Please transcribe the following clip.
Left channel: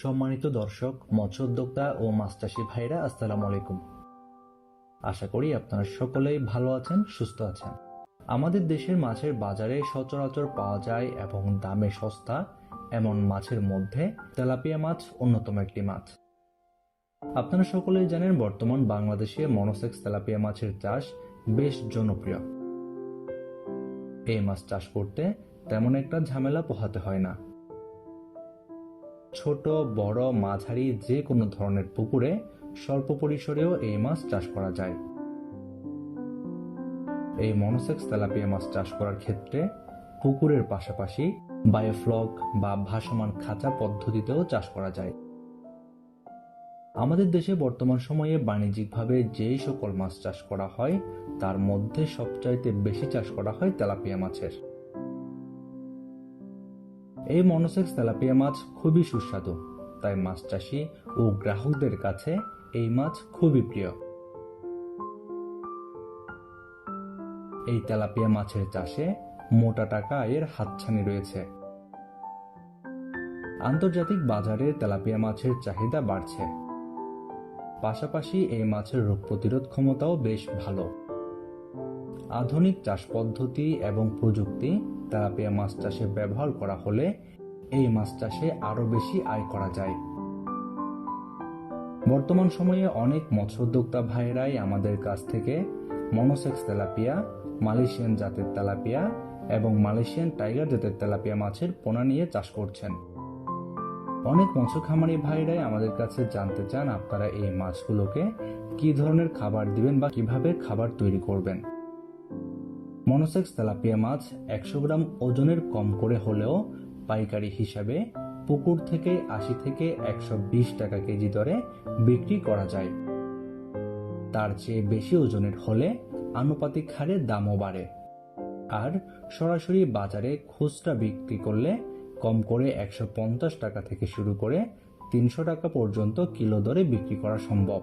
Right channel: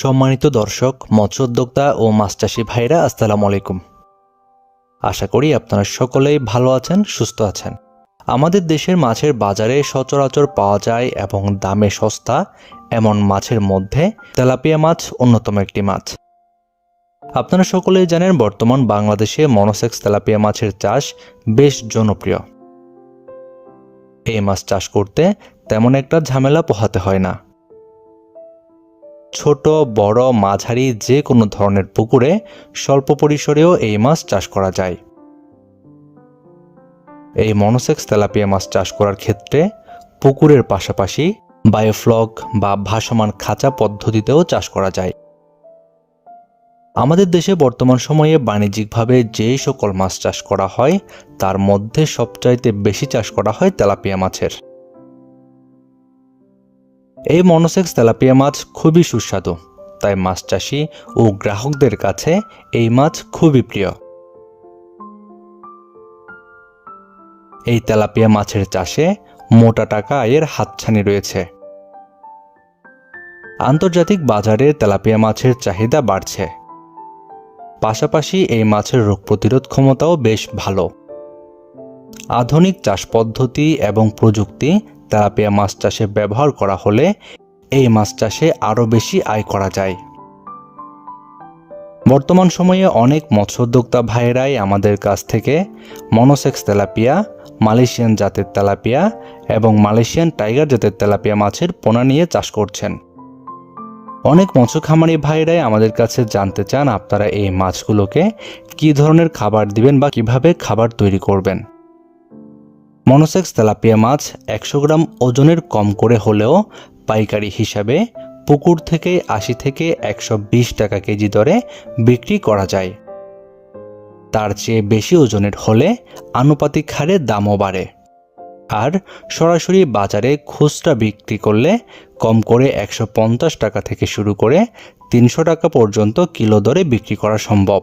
সম্মানিত দর্শক, মৎস্য উদ্যোক্তা ও মাছ চাষী ভাইরা, আসসালামু আলাইকুম। আশা করি আপনারা সকলেই ভালো আছেন, সুস্থ আছেন। আমাদের দেশের মাছের বাজারে সচরাচর পাওয়া যায় এবং দামে সস্তা এমন মাছের মধ্যে তেলাপিয়া মাছ অন্যতম একটি মাছ। আপনারা সকলেই জানেন বর্তমান বাংলাদেশে মনোসেক্স তেলাপিয়া মাছের চাষ বেশ জনপ্রিয়। এই মাছ চাষ করতে তেমন একটা ঝামেলা পোহাতে হয় না। ছোট বড় মাঝারি যে কোনো ধরনের পুকুরে স্বল্প পরিসরেও এই মাছ চাষ করা যায়। এই মনোসেক্স তেলাপিয়া মাছ চাষ করার ক্ষেত্রে পুকুরের পাশাপাশি বায়োফ্লক বা ভাসমান খাঁচা পদ্ধতিতেও চাষ করা যায়। আমাদের দেশে বর্তমান সময়ে বাণিজ্যিকভাবে যে সকল মাছ চাষ করা হয় তার মধ্যে সবচাইতে বেশি চাষ করা হয় তেলাপিয়া মাছের। এই মনোসেক্স তেলাপিয়া মাছ খুবই সুস্বাদু, তাই মাছ চাষি ও গ্রাহকদের কাছে এই মাছ খুবই প্রিয়। এই তেলাপিয়া মাছের চাষে মোটা টাকা আয়ের হাতছানি রয়েছে। আন্তর্জাতিক বাজারে তেলাপিয়া মাছের চাহিদা বাড়ছে। পাশাপাশি এই মাছের রোগ প্রতিরোধ ক্ষমতাও বেশ ভালো। আধুনিক চাষ পদ্ধতি এবং প্রযুক্তি তেলাপিয়া মাছ চাষে ব্যবহার করা হলে এই মাছ চাষে আরও বেশি আয় করা যায়। বর্তমান সময়ে অনেক মৎস্য উদ্যোক্তা ভাইয়েরাই আমাদের কাছ থেকে মনোসেক্স তেলাপিয়া, মালয়েশিয়ান জাতের তেলাপিয়া এবং মালয়েশিয়ান টাইগার জাতের তেলাপিয়া মাছের পোনা নিয়ে চাষ করছেন। অনেক মৎস্য খামারি ভাইয়েরাই আমাদের কাছে জানতে চান আপনারা এই মাছগুলোকে কী ধরনের খাবার দিবেন বা কিভাবে খাবার তৈরি করবেন। মনোসেক্স তেলাপিয়া মাছ 100 গ্রাম ওজনের কম করে হলেও পাইকারি হিসাবে পুকুর থেকে 80 থেকে 120 টাকা কেজি দরে বিক্রি করা যায়। তার চেয়ে বেশি ওজনের হলে আনুপাতিক হারে দামও বাড়ে। আর সরাসরি বাজারে খুচরা বিক্রি করলে কম করে 150 টাকা থেকে শুরু করে 300 টাকা পর্যন্ত কিলো দরে বিক্রি করা সম্ভব।